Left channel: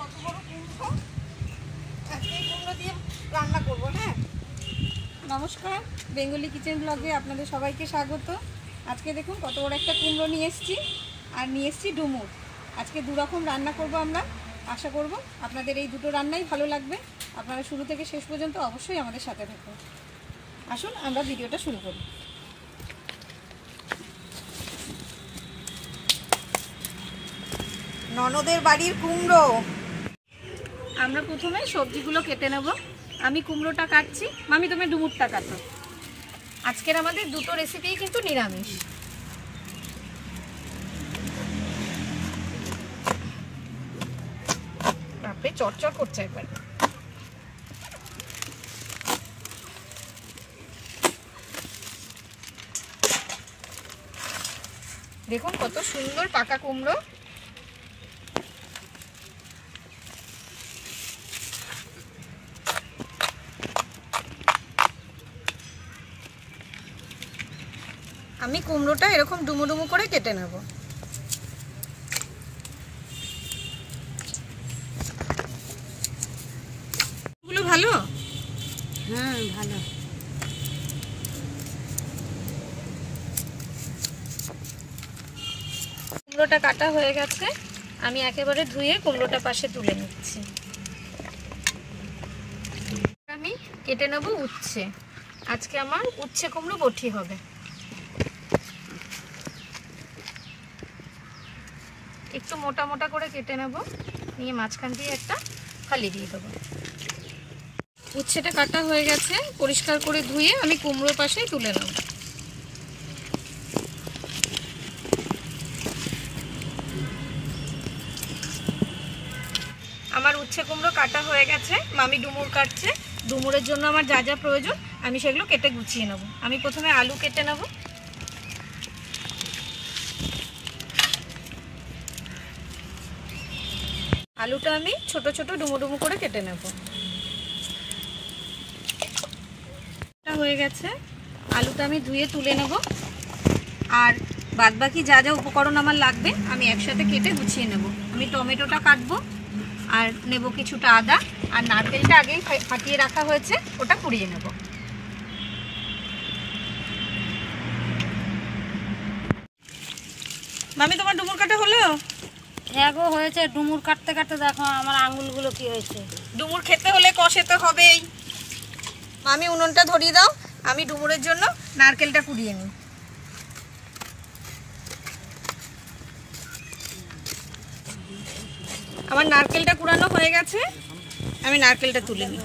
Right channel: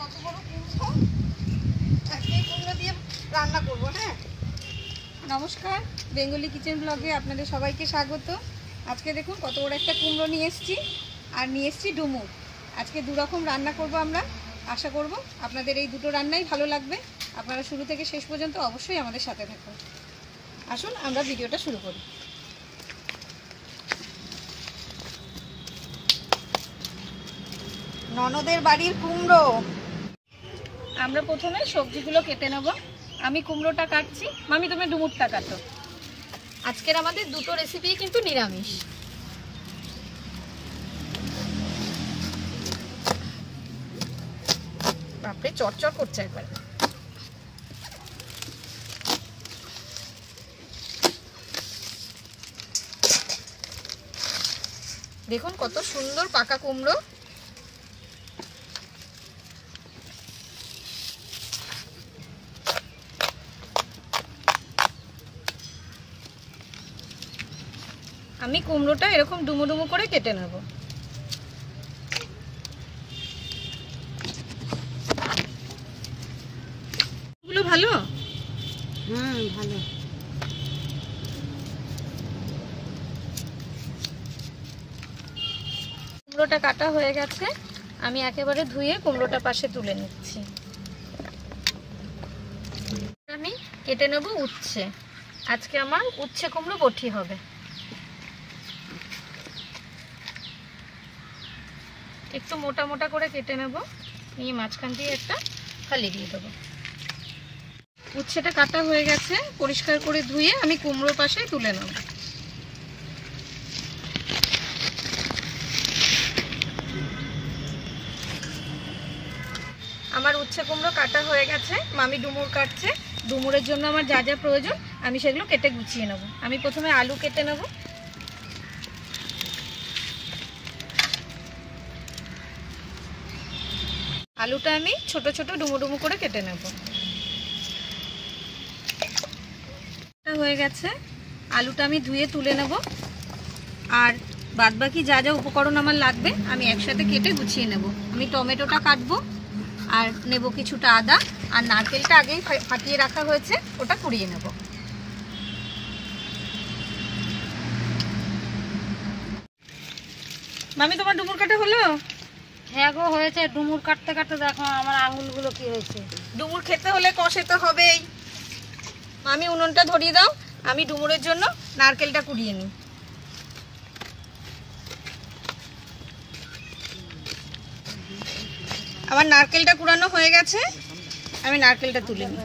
কত বড় কুমড়ো, আজকে এই কুমড়ো দিয়ে রান্না করবো। হ্যাঁ, নমস্কার, বেঙ্গলি কিচেন ব্লগে আপনাদের সবাইকে স্বাগত। আজকে দেখুন কত বড় একটা কুমড়ো নিয়ে এসেছি, আর নিয়ে এসেছি ডুমুর। আজকে দুরকম রান্না করব আমরা। আশা করব আপনাদের এই দুটো রান্নাই ভালো লাগবে। আপনারা শুরু থেকে শেষ পর্যন্ত অবশ্যই আমাদের সাথে থাকুন। আসুন আমরা ভিডিওটা শুরু করি। ননদের বাড়ির কুমড়ো। আমরা প্রথমে সবজিগুলো কেটে নেব। আমি কুমড়োটা কাটছি, মামি তুমি ডুমুরটা কাটো। আজকের আমাদের দুটো রেসিপি কিন্তু নিরামিষ। বাপরে চটচট করছে একবার। দেখুন কত সুন্দর পাকা কুমড়ো। আমি কুমড়োটা এরকম ডুমো ডুমো করে কেটে নেব। এগুলো ভালো? হ্যাঁ ভালো। কুমড়োটা কাটা হয়ে গেছে, আমি একেবারে ধুয়ে কুমড়োটা পাশে তুলে নিচ্ছি। আমি কেটে নেব উচ্ছে। আজকে আমার উচ্ছে কুমড়ো বটি হবে। একটু মোটা মোটা করে কেটে নেব, নিয়ে মাঝখান দিয়ে একটা ফালি দিয়ে দেবো। উচ্ছেটা কাটা হয়ে গেছে, পরিষ্কার করে ধুয়ে আমি কুমড়োর পাশে তুলে নেব। আমার উচ্ছে কুমড়ো কাটা হয়ে গেছে, মামি ডুমুর কাটছে। ডুমুরের জন্য আমার যা যা প্রয়োজন আমি সেগুলো কেটে গুছিয়ে নেব। আমি প্রথমে আলু কেটে নেব। আলুটা আমি ছোট ছোট ডুমো ডুমো করে কেটে নেব। হয়ে গেছে, আলুটা আমি ধুয়ে তুলে নেব। আর বাদবাকি যা যা উপকরণ আমার লাগবে আমি একসাথে কেটে গুছিয়ে নেব। আমি টমেটোটা কাটবো, আর নেব কিছুটা আদা, আর নারকেলটা আগেই ফাটিয়ে রাখা হয়েছে ওটা কুড়িয়ে নেব। মামি তোমার ডুমুর কাটা হলো? হ্যাঁ গো হয়েছে। ডুমুর কাটতে কাটতে দেখো আমার আঙুলগুলো কি হয়েছে। ডুমুর খেতে হলে কষে তো হবেই। মামি উনুনটা ধরিয়ে দাও, আমি ডুমুরের জন্য নারকেলটা কুড়িয়ে নিই। আমার নারকেলটা কুড়ানো হয়ে গেছে, আমি নারকেলটা তুলে নিই।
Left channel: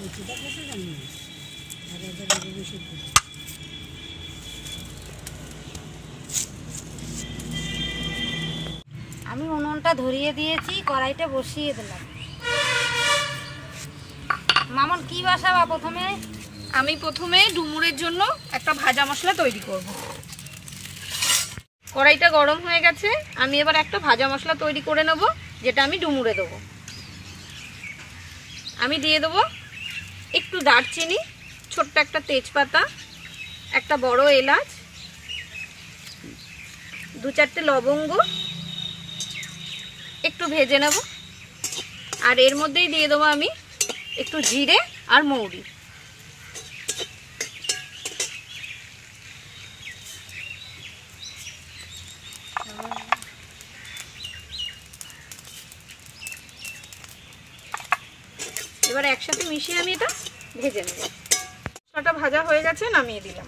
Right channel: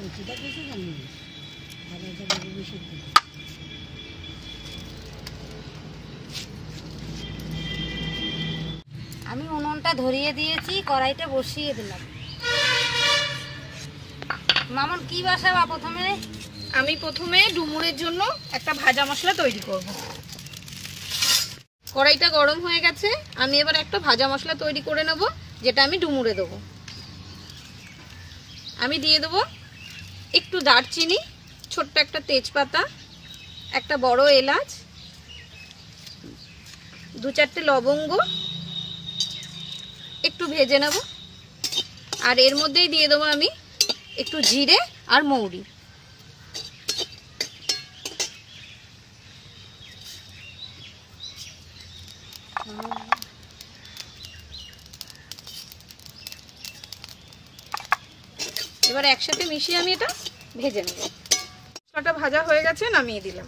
আমি উনুনটা ধরিয়ে দিয়েছি, কড়াইটা বসিয়ে দিলাম। মামন কি বসাবা প্রথমে? আমি প্রথমে ডুমুরের জন্য একটা ভাজা মশলা তৈরি করব। কড়াইটা গরম হয়ে গেছে, আমি এবার একটা ভাজা মশলা তৈরি করে নেব, যেটা আমি ডুমুরে দেবো। আমি দিয়ে দেবো একটু দারচিনি, ছোট্ট একটা তেজপাতা, একটা বড় এলাচ, 2-4টে লবঙ্গ, একটু ভেজে নেব। আর এর মধ্যেই দিয়ে দেবো আমি একটু জিরে আর মৌরি। এবার একসাথে মিশিয়ে আমি এটা ভেজে নেব। মশলাটা ভাজা হয়ে গেছে, নামিয়ে দিলাম।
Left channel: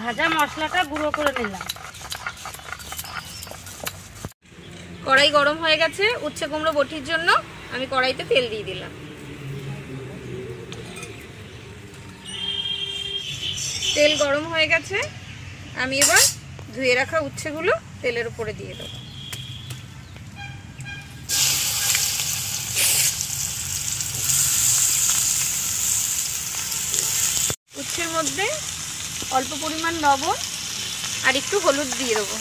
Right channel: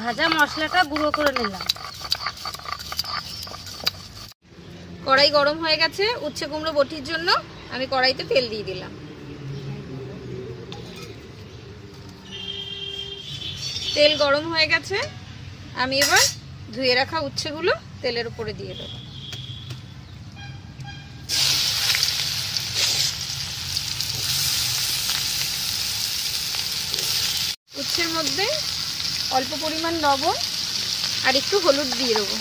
ভাজা মশলাটা গুঁড়ো করে নিলাম। কড়াই গরম হয়ে গেছে, উচ্ছে কুমড়ো বটির জন্য আমি কড়াইতে তেল দিয়ে দিলাম। তেল গরম হয়ে গেছে, আমি এবার ধুয়ে রাখা উচ্ছেগুলো তেলের উপরে দিয়ে দেবো। উচ্ছের মধ্যে অল্প পরিমাণ লবণ আর একটু হলুদ দিয়ে দেবো।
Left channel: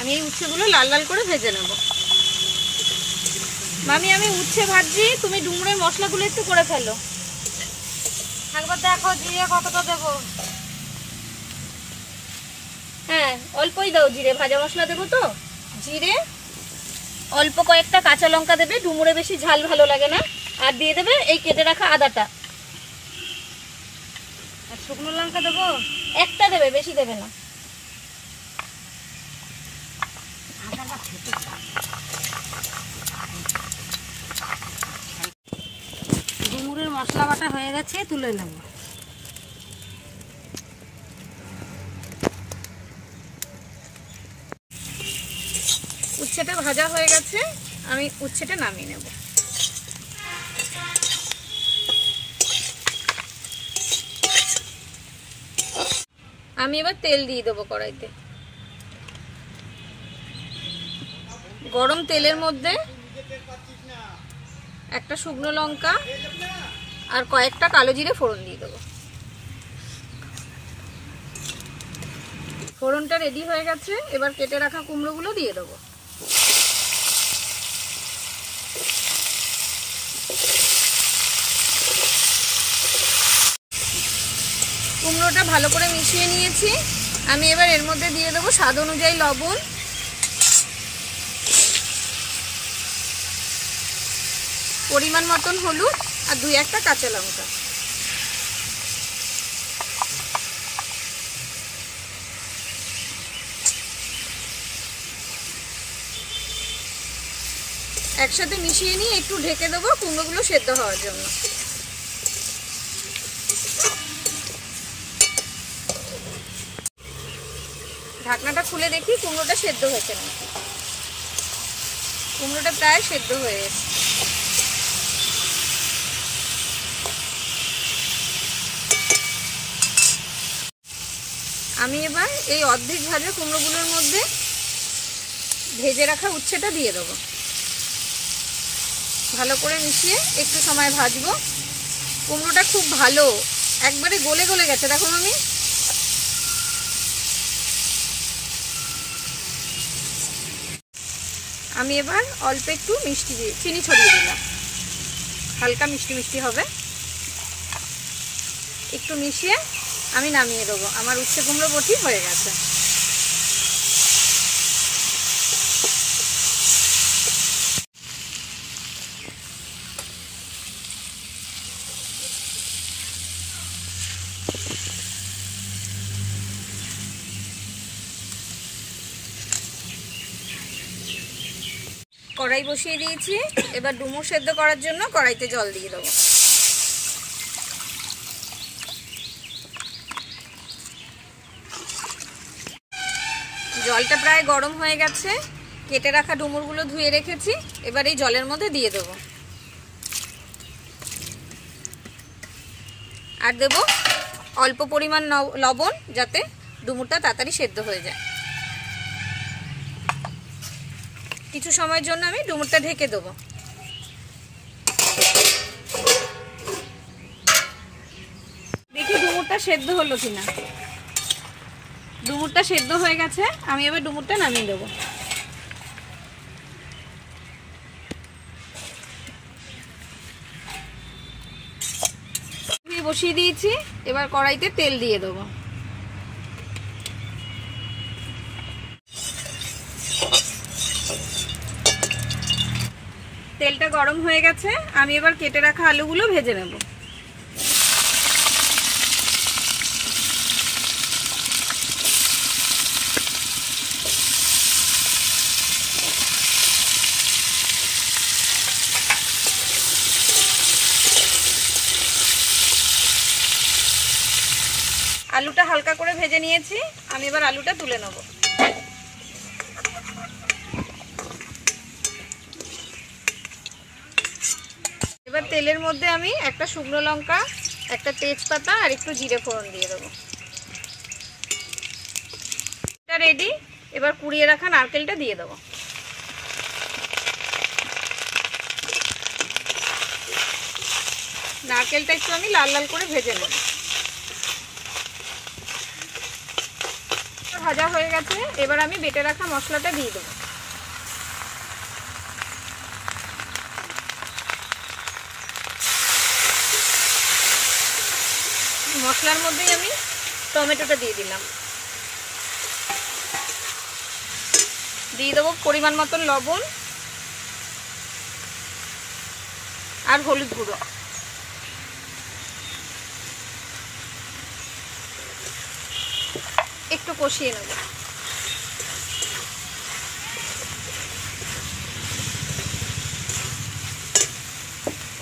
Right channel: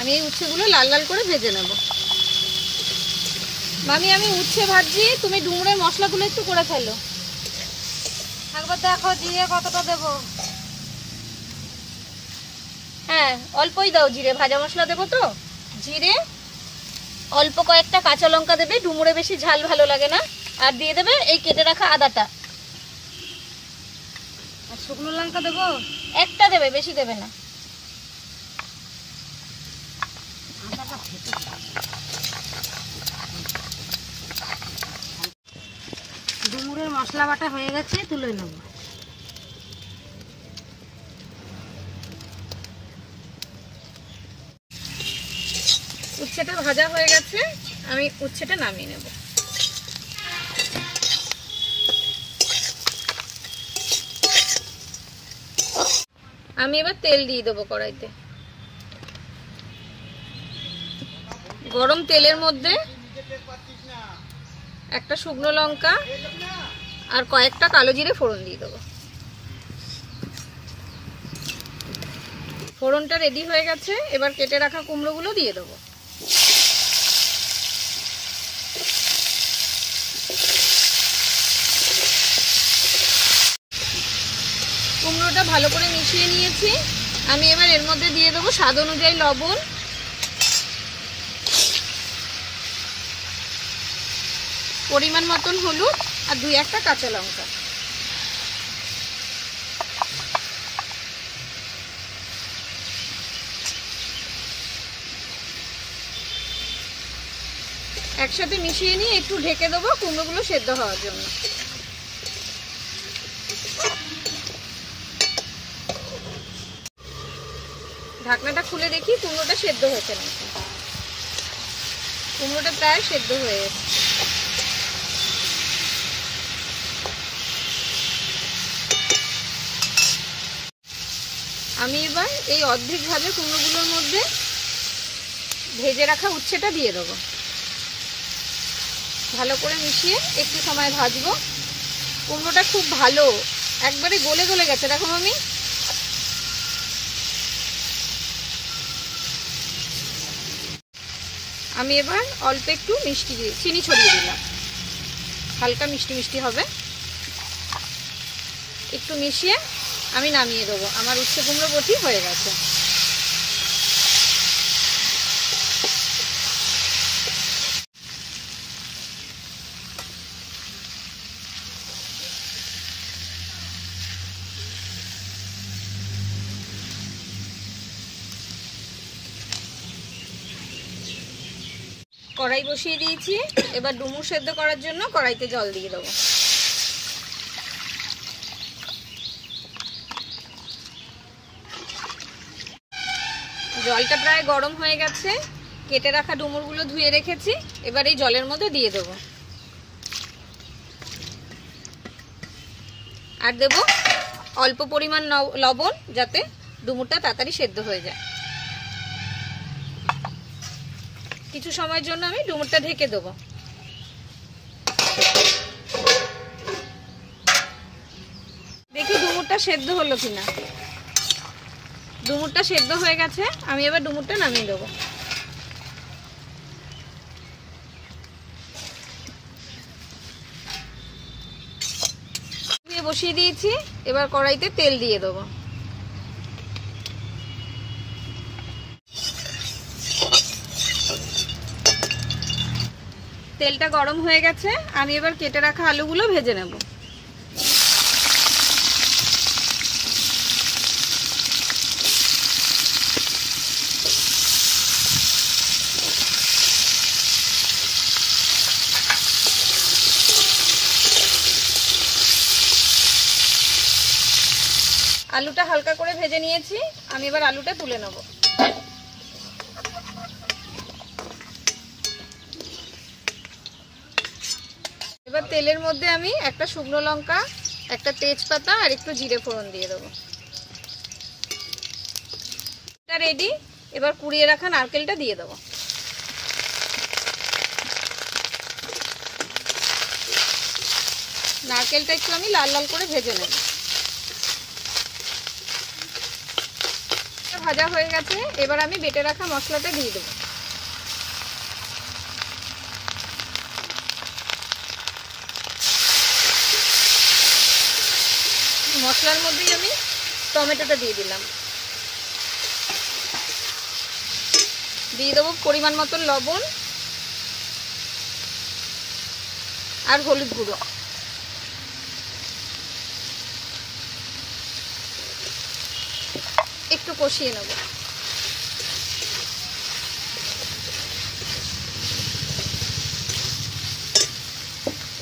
আমি এই উচ্ছেগুলো লাল লাল করে ভেজে নেব। মামি আমি উচ্ছে ভাজছি, তুমি ডুমুরের মশলাগুলো একটু করে ফেলো। একবার দেখো জিরে কতটা দেবো। হ্যাঁ অল্পই দাও জিরে, ভাজা মশলা দেবো তো। জিরে, অল্প কয়েকটা কাঁচা লঙ্কা দেবে, ডুমুরে বেশি ঝাল ভালো লাগে না। আর দিয়ে দেবে এই কেটে রাখা আদাটা। আর শুকনো লঙ্কা দেবো? একটা দেবে, বেশি দেবে না। ডুমুরের মশলা বাটা হয়ে গেছে, তুলে নেব। উচ্ছেটা ভাজা হয়ে গেছে, আমি উচ্ছেটা নামিয়ে নেব। আমি এবার তেল দিয়ে দেবো কড়াইতে। গরম তেলের মধ্যে একটা শুকনো লঙ্কা আর কয়েকটা কালো জিরে ফোড়ন দিয়ে দেবো। ফোড়নটা রেডি হয়ে গেছে, এবার কেটে রাখা কুমড়োগুলো দিয়ে দেবো। কুমড়োটা ভালো করে মিশিয়ে নিয়েছি। আমি এবার এর মধ্যে দিয়ে দেবো স্বাদ অনুযায়ী লবণ, পরিমাণ মতন হলুদ আর 2-1টা কাঁচা লঙ্কা। একসাথে মিশিয়ে নিয়ে একটু ঢেকে দেবো কুমড়োগুলো সেদ্ধ হওয়ার জন্য। ঢাকনাটা খুলে দেখি কুমড়োটা সেদ্ধ হয়েছে নাকি। কুমড়োটা প্রায় সেদ্ধ হয়ে গেছে। আমি এবার এই অর্ধেক ভাজা কুমড়োগুলোর মধ্যে ভেজে রাখা উচ্ছেটা দিয়ে দেবো। ভালো করে মিশিয়ে একটু সময় ভাজবো। কুমড়োটা খুব ভালো একবারে গলে গলে গেছে, দেখো আমি। আমি এবার অল্প একটু মিষ্টি দিয়ে চিনি ছড়িয়ে দিলাম, হালকা মিষ্টি মিষ্টি হবে। একটু মিশিয়ে আমি নামিয়ে দেবো। আমার উচ্ছে কুমড়ো বটি হয়ে গেছে। কড়াই বসিয়ে দিয়েছি, এবার ডুমুর সেদ্ধ করার জন্য কড়াইতে জল দিয়ে দেবো। জলটা প্রায় গরম হয়ে গেছে। কেটে রাখা ডুমুরগুলো ধুয়ে রেখেছি, এবার এই জলের মধ্যে দিয়ে দেবো। আর দেব অল্প পরিমাণ লবণ, যাতে ডুমুরটা তাড়াতাড়ি সেদ্ধ হয়ে যায়। কিছু সময়ের জন্য আমি ডুমুরটা ঢেকে দেবো। দেখি ডুমুরটা সেদ্ধ হলো কিনা। ডুমুরটা সেদ্ধ হয়ে গেছে, আমি এবার ডুমুরটা নামিয়ে দেবো। বসিয়ে দিয়েছি, এবার কড়াইতে তেল দিয়ে দেবো। তেলটা গরম হয়ে গেছে, আমি এবার কেটে রাখা আলুগুলো ভেজে নেব। আলুটা হালকা করে ভেজে নিয়েছি, আমি এবার আলুটা তুলে নেব। এবার তেলের মধ্যে আমি একটা শুকনো লঙ্কা, একটা তেজপাতা আর একটু জিরে ফোড়ন দিয়ে দেবো। এটা রেডি। এবার কুড়িয়ে রাখা নারকেলটা দিয়ে দেবো। নারকেলটা একটু আমি লাল লাল করে ভেজে নেব। ভাজা হয়ে গেছে, এবার আমি বেটে রাখা মশলাটা দিয়ে দেবো। মশলার মধ্যে আমি টমেটোটা দিয়ে দিলাম। দিয়ে দেবো পরিমাণ মতন লবণ আর হলুদ গুঁড়ো। একটু কষিয়ে নেব।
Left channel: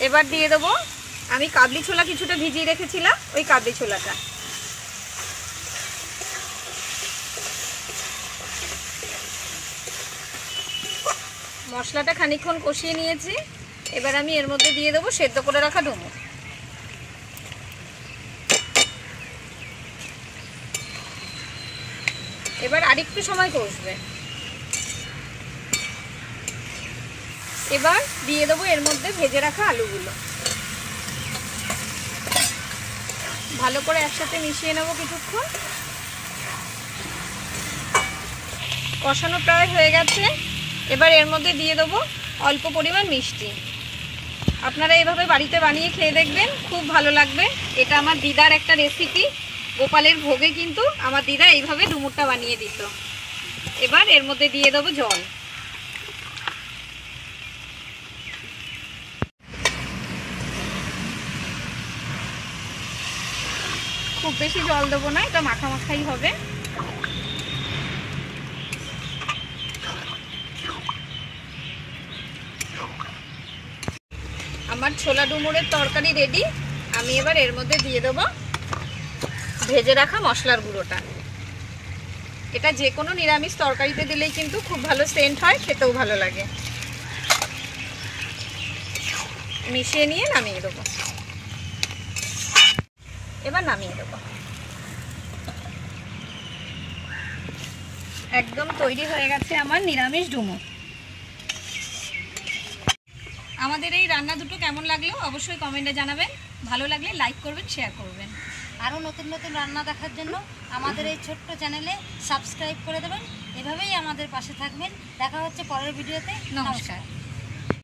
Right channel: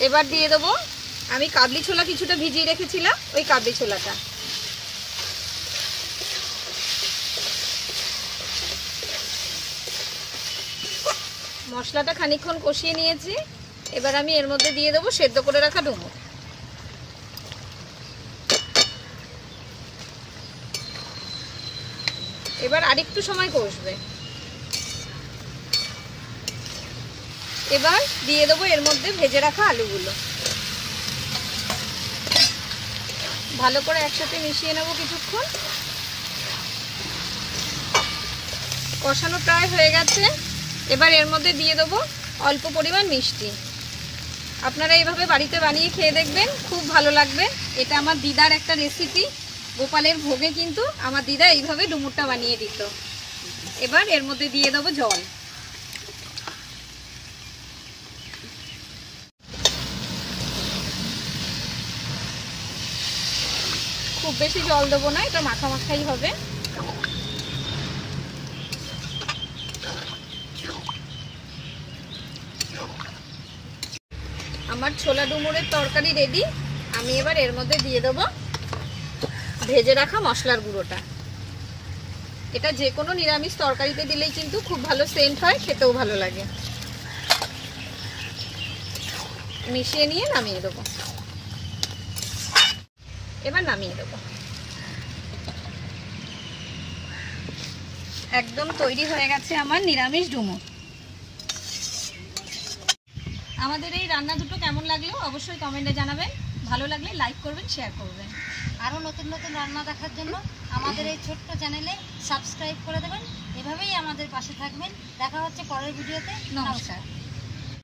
এবার দিয়ে দেবো আমি কাবলি ছোলা কিছুটা ভিজিয়ে রেখেছিলাম, ওই কাবলি ছোলাটা। মশলাটা খানিকক্ষণ কষিয়ে নিয়েছি, এবার আমি এর মধ্যে দিয়ে দেবো সেদ্ধ করে রাখা ডুমুর। এবার আরেকটু সময় কষবে। এবার দিয়ে দেবো এর মধ্যে ভেজে রাখা আলুগুলো। ভালো করে একসাথে মিশিয়ে নেব কিছুক্ষণ। কষানো প্রায় হয়ে গেছে। এবার এর মধ্যে দিয়ে দেবো অল্প পরিমাণ মিষ্টি। আপনারা এভাবে বাড়িতে বানিয়ে খেয়ে দেখবেন, খুব ভালো লাগবে। এটা আমার দিদার একটা রেসিপি। গোপালের ভোগে কিন্তু আমার দিদা এইভাবে ডুমুরটা বানিয়ে দিত। এবার এর মধ্যে দিয়ে দেবো জল। খুব বেশি জল দেবো না, এটা মাখা মাখাই হবে। আমার ছোলা ডুমুরের তরকারি রেডি। আমি এবার এর মধ্যে দিয়ে দেবো ভেজে রাখা মশলার গুঁড়োটা। এটা যে কোনো নিরামিষ তরকারিতে দিলেই কিন্তু খুব ভালো সেন্ট হয়, খেতেও ভালো লাগে। মিশিয়ে নিয়ে নামিয়ে দেবো। এবার নামিয়ে দেবো। একদম তৈরি হয়ে গেছে আমার নিরামিষ ডুমুর। আমাদের এই রান্না দুটো কেমন লাগলো অবশ্যই কমেন্টে জানাবেন। ভালো লাগলে লাইক করবেন, শেয়ার করবেন। আরও নতুন নতুন রান্না দেখার জন্য আমাদের এই ছোট্ট চ্যানেলে সাবস্ক্রাইব করে দেবেন। এভাবেই আমাদের পাশে থাকবেন। দেখা হচ্ছে পরের ভিডিওতে। নমস্কার।